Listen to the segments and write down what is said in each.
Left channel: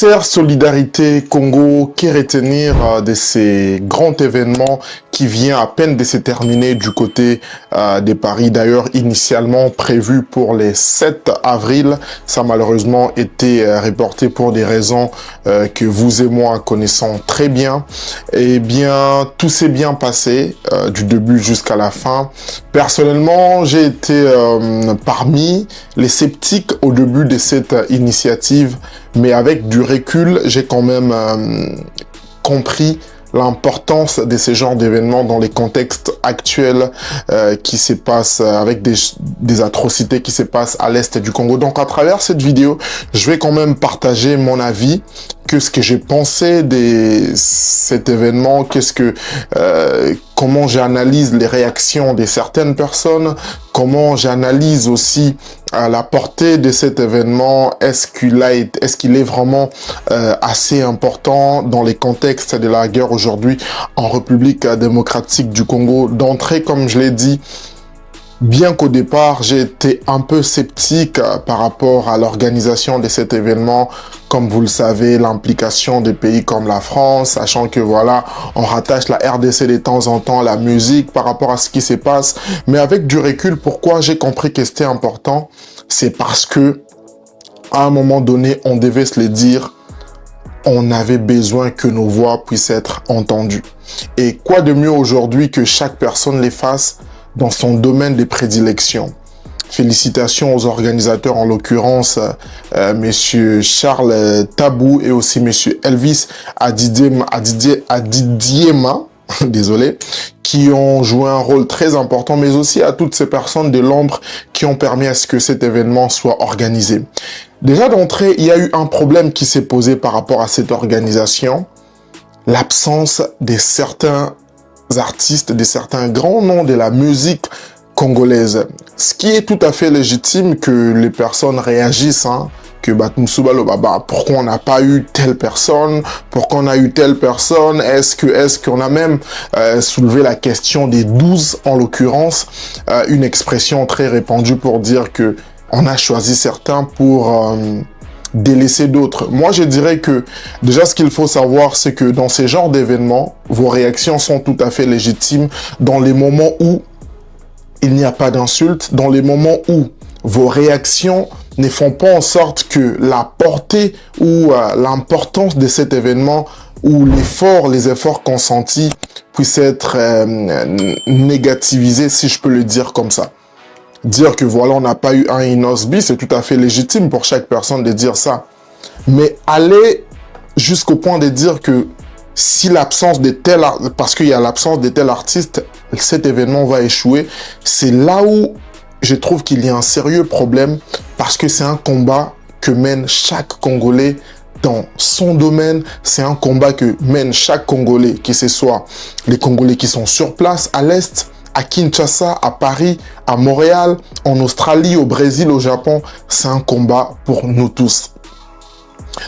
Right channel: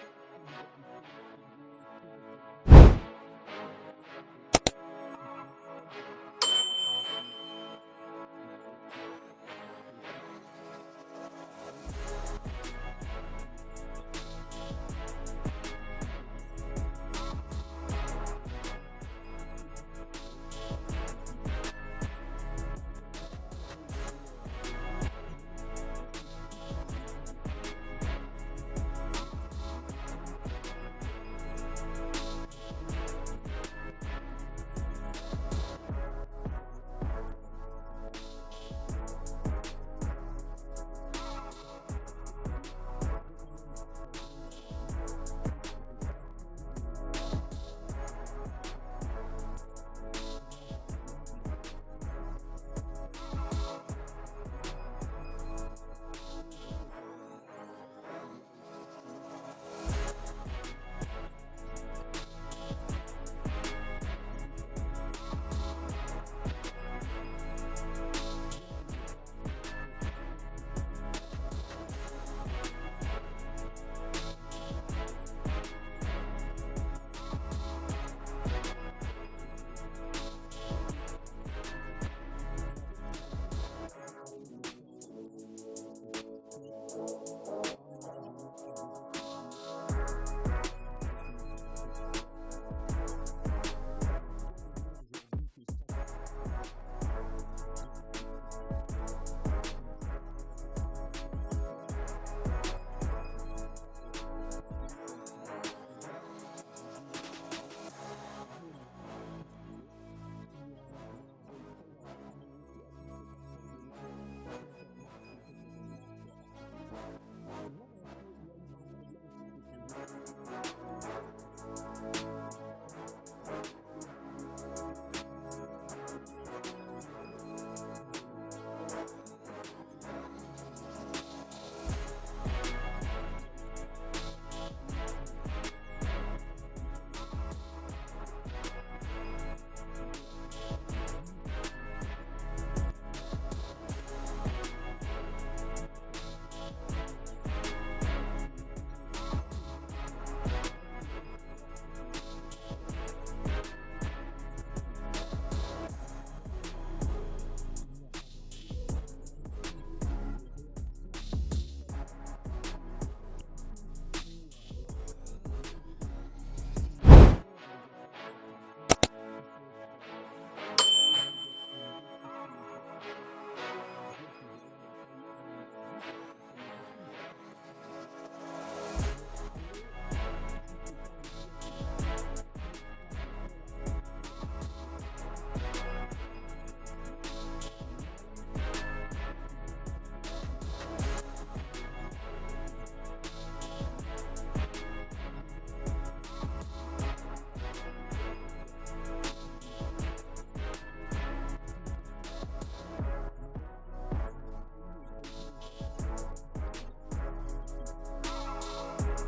Concert Solidarité Congo, que retenir de ces grands événements qui vient à peine de se terminer du côté de Paris. D'ailleurs, initialement prévu pour les 7 avril, ça a malheureusement été reporté pour des raisons que vous et moi connaissons très bien. Eh bien, tout s'est bien passé du début jusqu'à la fin. Personnellement, j'ai été parmi les sceptiques au début de cette initiative, mais avec du recul, j'ai quand même compris l'importance de ce genre d'événements dans les contextes actuels qui se passent avec des atrocités qui se passent à l'est du Congo. Donc à travers cette vidéo, je vais quand même partager mon avis, que ce que j'ai pensé de cet événement, comment j'analyse les réactions de certaines personnes, comment j'analyse aussi la portée de cet événement, est-ce qu'il est vraiment assez important dans les contextes de la guerre aujourd'hui en République démocratique du Congo. D'entrée, comme je l'ai dit, bien qu'au départ, j'ai été un peu sceptique par rapport à l'organisation de cet événement. Comme vous le savez, l'implication des pays comme la France, sachant que voilà, on rattache la RDC de temps en temps à la musique par rapport à ce qui se passe. Mais avec du recul, pourquoi j'ai compris que c'était important? C'est parce que, à un moment donné, on devait se le dire, on avait besoin que nos voix puissent être entendues. Et quoi de mieux aujourd'hui que chaque personne les fasse dans son domaine de prédilection. Félicitations aux organisateurs, en l'occurrence Monsieur Charles Tabou et aussi Monsieur Elvis Adidiema, désolé, qui ont joué un rôle très important, mais aussi à toutes ces personnes de l'ombre qui ont permis à ce que cet événement soit organisé. Déjà d'entrée, il y a eu un problème qui s'est posé par rapport à cette organisation, l'absence de certains artistes, de certains grands noms de la musique congolaise. Ce qui est tout à fait légitime que les personnes réagissent, que pourquoi on n'a pas eu telle personne, pourquoi on a eu telle personne, est-ce qu'on a même soulevé la question des 12 en l'occurrence, une expression très répandue pour dire que on a choisi certains pour délaisser d'autres. Moi, je dirais que déjà, ce qu'il faut savoir, c'est que dans ces genres d'événements, vos réactions sont tout à fait légitimes dans les moments où il n'y a pas d'insultes, dans les moments où vos réactions ne font pas en sorte que la portée ou l'importance de cet événement ou les efforts consentis puissent être négativisés, si je peux le dire comme ça. Dire que voilà, on n'a pas eu un Inosbi, c'est tout à fait légitime pour chaque personne de dire ça. Mais aller jusqu'au point de dire que si l'absence de tel, parce qu'il y a l'absence de tel artiste, cet événement va échouer, c'est là où je trouve qu'il y a un sérieux problème, parce que c'est un combat que mène chaque Congolais dans son domaine, c'est un combat que mène chaque Congolais, que ce soit les Congolais qui sont sur place à l'Est, à Kinshasa, à Paris, à Montréal, en Australie, au Brésil, au Japon, c'est un combat pour nous tous.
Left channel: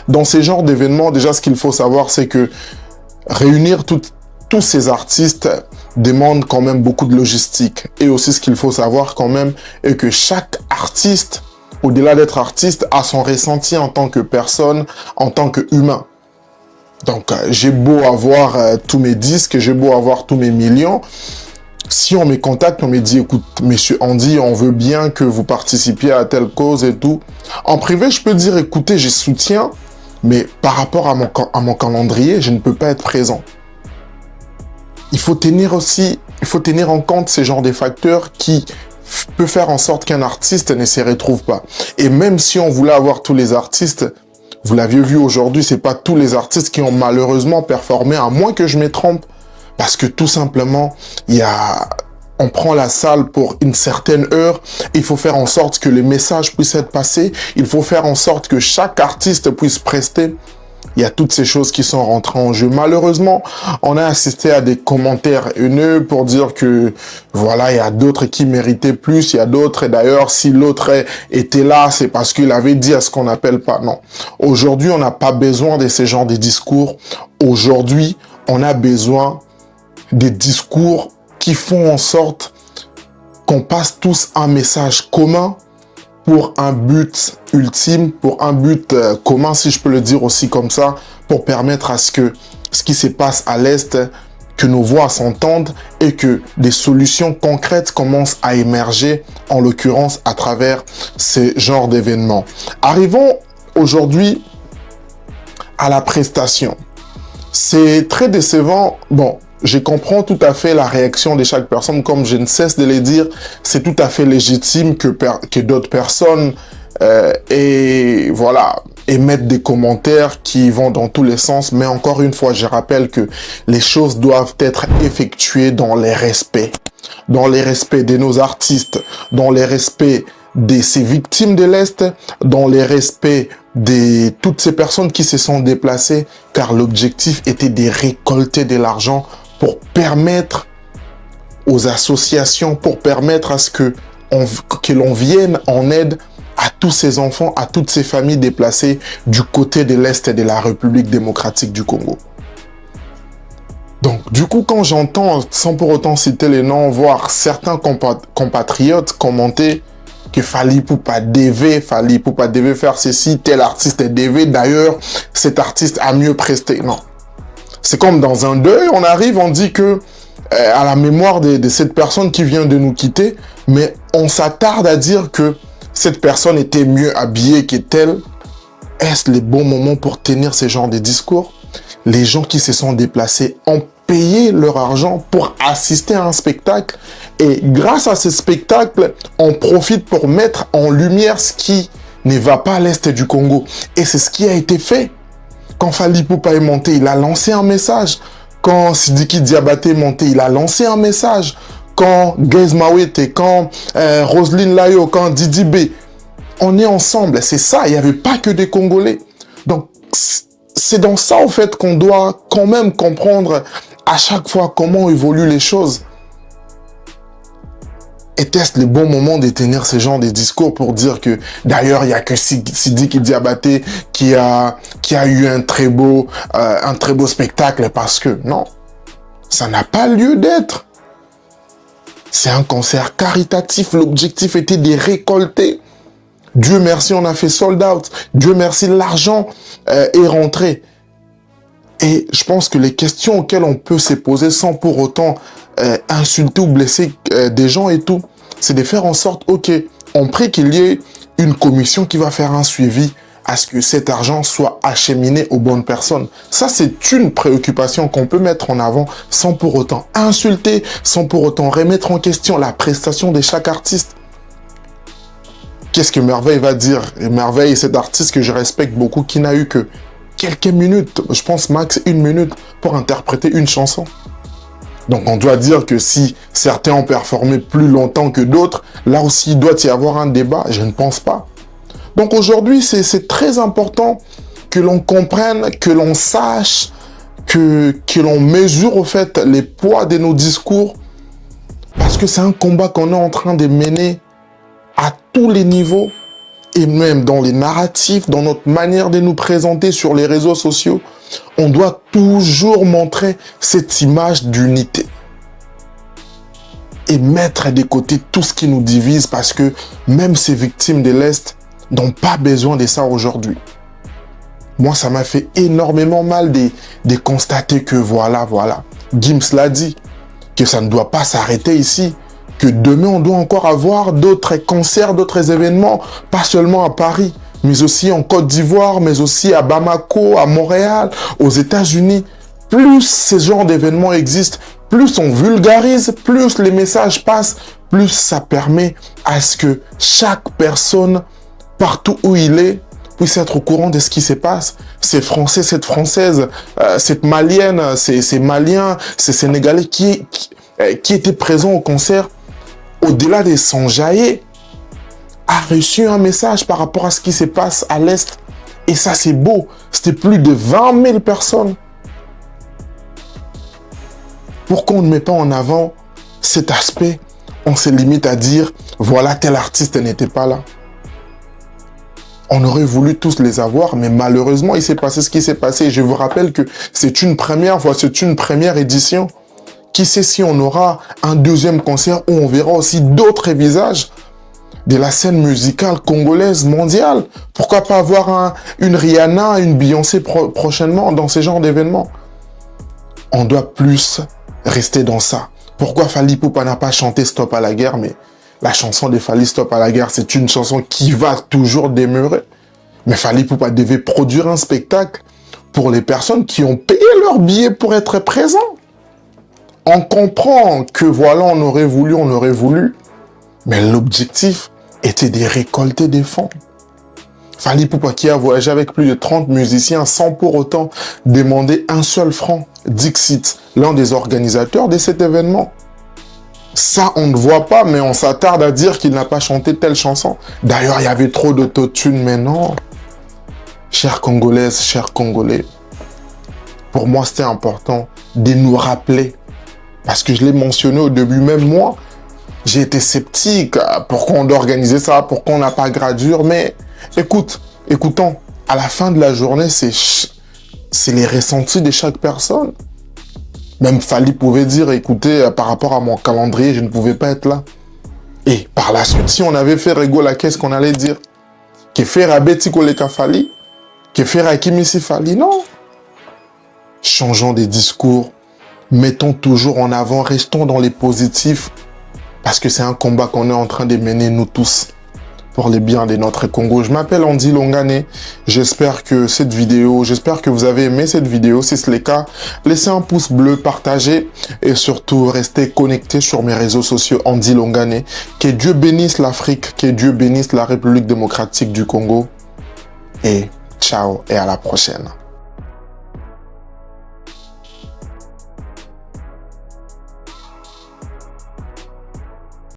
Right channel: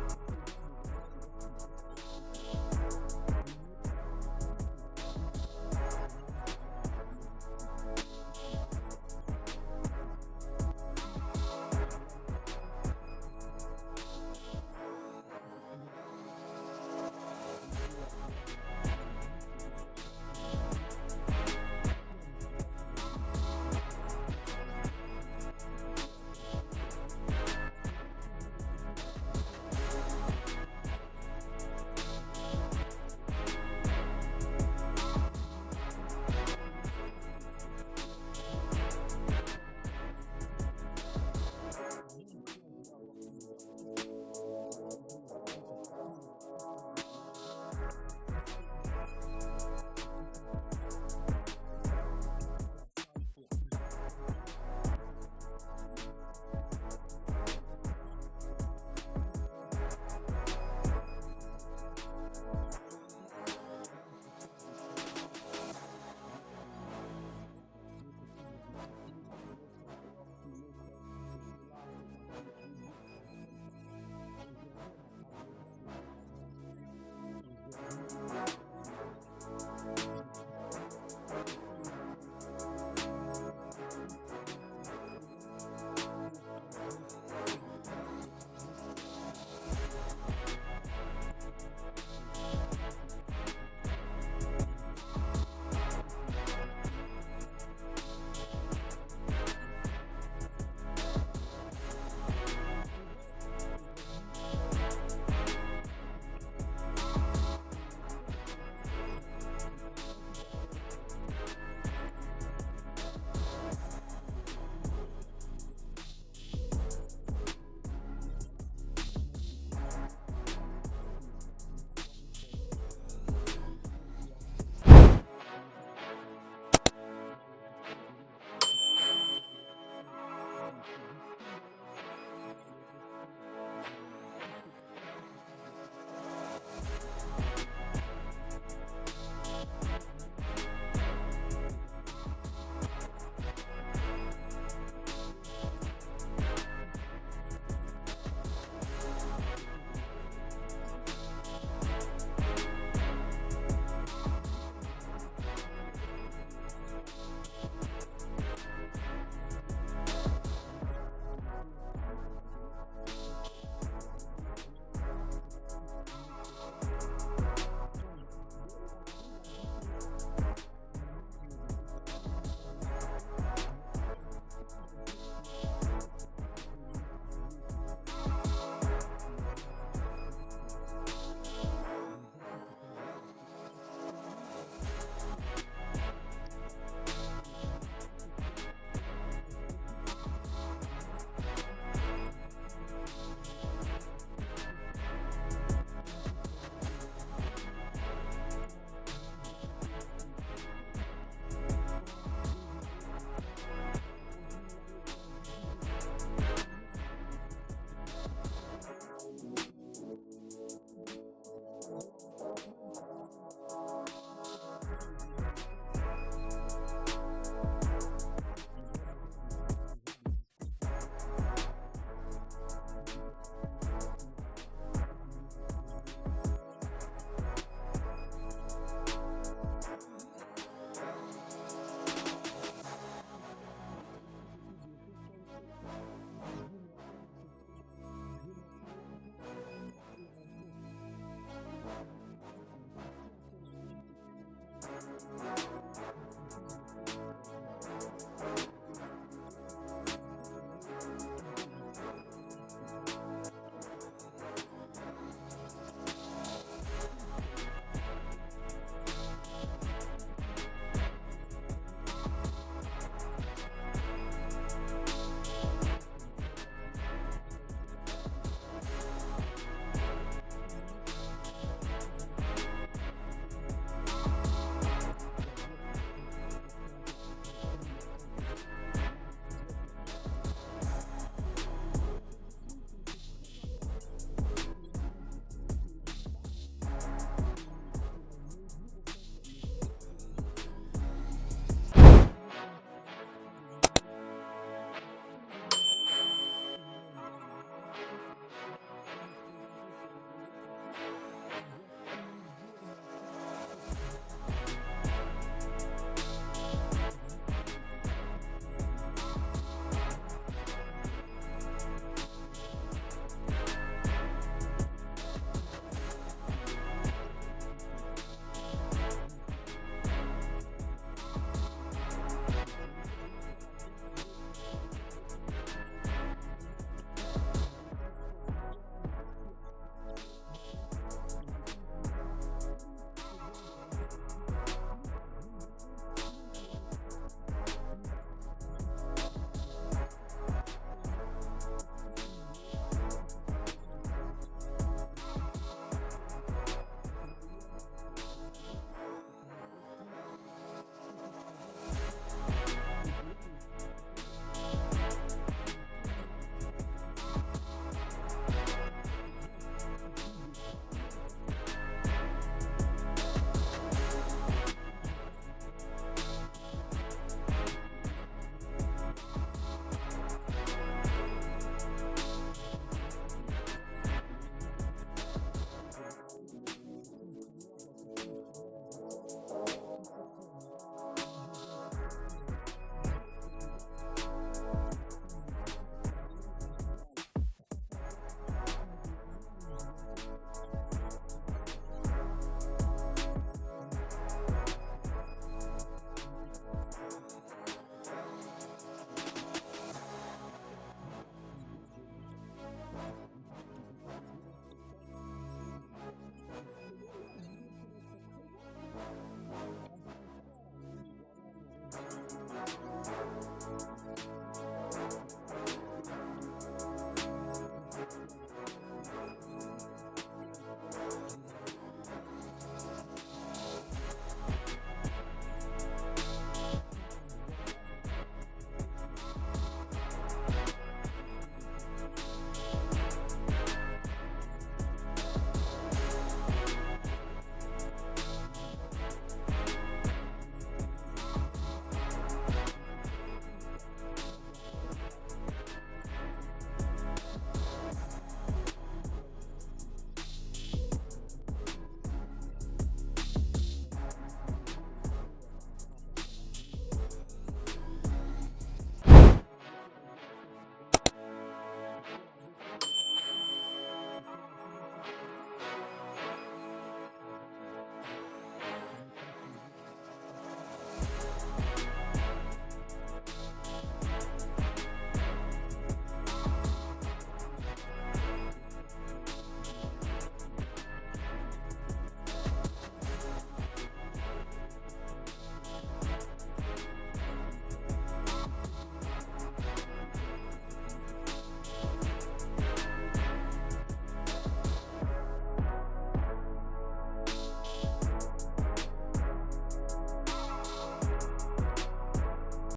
Dans ces genres d'événements, déjà, ce qu'il faut savoir, c'est que réunir tous ces artistes demande quand même beaucoup de logistique. Et aussi, ce qu'il faut savoir quand même est que chaque artiste, au-delà d'être artiste, a son ressenti en tant que personne, en tant qu'humain. Donc, j'ai beau avoir tous mes disques, j'ai beau avoir tous mes millions, si on me contacte, on me dit, écoute, monsieur Andy, on veut bien que vous participiez à telle cause et tout. En privé, je peux dire, écoutez, je soutiens, mais par rapport à mon calendrier, je ne peux pas être présent. Il faut tenir en compte ces genres de facteurs qui peuvent faire en sorte qu'un artiste ne se retrouve pas. Et même si on voulait avoir tous les artistes, vous l'aviez vu aujourd'hui, c'est pas tous les artistes qui ont malheureusement performé, à moins que je me trompe. Parce que tout simplement, on prend la salle pour une certaine heure, il faut faire en sorte que les messages puissent être passés, il faut faire en sorte que chaque artiste puisse prester. Il y a toutes ces choses qui sont rentrées en jeu. Malheureusement, on a assisté à des commentaires haineux pour dire que voilà, il y a d'autres qui méritaient plus, il y a d'autres, et d'ailleurs, si l'autre était là, c'est parce qu'il avait dit à ce qu'on n'appelle pas. Non. Aujourd'hui, on n'a pas besoin de ce genre de discours. Aujourd'hui, on a besoin des discours qui font en sorte qu'on passe tous un message commun pour un but ultime, pour un but commun, si je peux le dire aussi comme ça, pour permettre à ce que ce qui se passe à l'Est, que nos voix s'entendent et que des solutions concrètes commencent à émerger, en l'occurrence à travers ces genres d'événements. Arrivons aujourd'hui à la prestation. C'est très décevant. Bon, je comprends tout à fait la réaction de chaque personne, comme je ne cesse de le dire, c'est tout à fait légitime que d'autres personnes émettent des commentaires qui vont dans tous les sens, mais encore une fois, je rappelle que les choses doivent être effectuées dans les respects de nos artistes, dans les respects de ces victimes de l'Est, dans les respects de toutes ces personnes qui se sont déplacées, car l'objectif était de récolter de l'argent pour permettre aux associations, pour permettre à ce que l'on vienne en aide à tous ces enfants, à toutes ces familles déplacées du côté de l'Est de la République démocratique du Congo. Donc, du coup, quand j'entends, sans pour autant citer les noms, voir certains compatriotes commenter que Fally Ipupa devait faire ceci, tel artiste est DV, d'ailleurs, cet artiste a mieux presté. Non. C'est comme dans un deuil, on arrive, on dit que à la mémoire de cette personne qui vient de nous quitter, mais on s'attarde à dire que cette personne était mieux habillée que telle. Est-ce le bon moment pour tenir ce genre de discours? Les gens qui se sont déplacés ont payé leur argent pour assister à un spectacle et grâce à ce spectacle, on profite pour mettre en lumière ce qui ne va pas à l'Est du Congo. Et c'est ce qui a été fait. Quand Fally Ipupa est monté, il a lancé un message. Quand Sidiki Diabaté est monté, il a lancé un message. Quand Gaze Mawete, quand Roselyne Layo, quand Didi B, on est ensemble. C'est ça, il n'y avait pas que des Congolais. Donc, c'est dans ça, en fait, qu'on doit quand même comprendre à chaque fois comment évoluent les choses. Était-ce le bon moment de tenir ce genre de discours pour dire que, d'ailleurs, il n'y a que Sidiki Diabaté qui a eu un très beau spectacle parce que, non, ça n'a pas lieu d'être. C'est un concert caritatif, l'objectif était de récolter. Dieu merci, on a fait sold out. Dieu merci, l'argent est rentré. Et je pense que les questions auxquelles on peut se poser sans pour autant insulter ou blesser des gens et tout, c'est de faire en sorte, ok, on prie qu'il y ait une commission qui va faire un suivi à ce que cet argent soit acheminé aux bonnes personnes. Ça, c'est une préoccupation qu'on peut mettre en avant sans pour autant insulter, sans pour autant remettre en question la prestation de chaque artiste. Qu'est-ce que Merveille va dire? Et Merveille, cet artiste que je respecte beaucoup, qui n'a eu que quelques minutes, je pense max 1 minute, pour interpréter une chanson. Donc on doit dire que si certains ont performé plus longtemps que d'autres, là aussi il doit y avoir un débat, je ne pense pas. Donc aujourd'hui c'est très important que l'on comprenne, que l'on sache, que l'on mesure au fait les poids de nos discours, parce que c'est un combat qu'on est en train de mener à tous les niveaux, et même dans les narratifs, dans notre manière de nous présenter sur les réseaux sociaux, on doit toujours montrer cette image d'unité. Et mettre de côté tout ce qui nous divise, parce que même ces victimes de l'Est n'ont pas besoin de ça aujourd'hui. Moi, ça m'a fait énormément mal de constater que voilà, Gims l'a dit, que ça ne doit pas s'arrêter ici, que demain, on doit encore avoir d'autres concerts, d'autres événements, pas seulement à Paris, mais aussi en Côte d'Ivoire, mais aussi à Bamako, à Montréal, aux États-Unis. Plus ces genres d'événements existent, plus on vulgarise, plus les messages passent, plus ça permet à ce que chaque personne, partout où il est, puisse être au courant de ce qui se passe. Ces Français, cette Française, cette Malienne, ces Maliens, ces Sénégalais qui étaient présents au concert, au-delà de s'enjailler, a reçu un message par rapport à ce qui se passe à l'Est. Et ça, c'est beau. C'était plus de 20 000 personnes. Pourquoi on ne met pas en avant cet aspect? On se limite à dire, voilà, tel artiste n'était pas là. On aurait voulu tous les avoir, mais malheureusement, il s'est passé ce qui s'est passé. Je vous rappelle que c'est une première fois, c'est une première édition. Qui sait si on aura un deuxième concert où on verra aussi d'autres visages? de la scène musicale congolaise mondiale. Pourquoi pas avoir une Rihanna, une Beyoncé prochainement dans ces genres d'événements? On doit plus rester dans ça. Pourquoi Fally Ipupa n'a pas chanté Stop à la guerre? Mais la chanson de Fally Stop à la guerre, c'est une chanson qui va toujours demeurer. Mais Fally Ipupa devait produire un spectacle pour les personnes qui ont payé leur billet pour être présents. On comprend que voilà, on aurait voulu, mais l'objectif était de récolter des fonds. Fally Ipupa qui a voyagé avec plus de 30 musiciens sans pour autant demander un seul franc. Dixit, l'un des organisateurs de cet événement. Ça, on ne voit pas, mais on s'attarde à dire qu'il n'a pas chanté telle chanson. D'ailleurs, il y avait trop d'autotune, mais non. Chères Congolaises, chers Congolais, pour moi, c'était important de nous rappeler. Parce que je l'ai mentionné au début, même moi, j'ai été sceptique. Pourquoi on doit organiser ça? Pourquoi on n'a pas gradure? Mais écoutons, à la fin de la journée, c'est les ressentis de chaque personne. Même Fally pouvait dire, écoutez, par rapport à mon calendrier, je ne pouvais pas être là. Et par la suite, si on avait fait Rego, qu'est-ce qu'on allait dire? Que faire à Betty Koleka Fally? Que faire à Kimisi Fally? Non. Changeons des discours. Mettons toujours en avant, restons dans les positifs. Parce que c'est un combat qu'on est en train de mener, nous tous, pour le bien de notre Congo. Je m'appelle Andy Longane. J'espère que vous avez aimé cette vidéo. Si c'est le cas, laissez un pouce bleu, partagez et surtout restez connectés sur mes réseaux sociaux Andy Longane. Que Dieu bénisse l'Afrique, que Dieu bénisse la République démocratique du Congo. Et ciao et à la prochaine.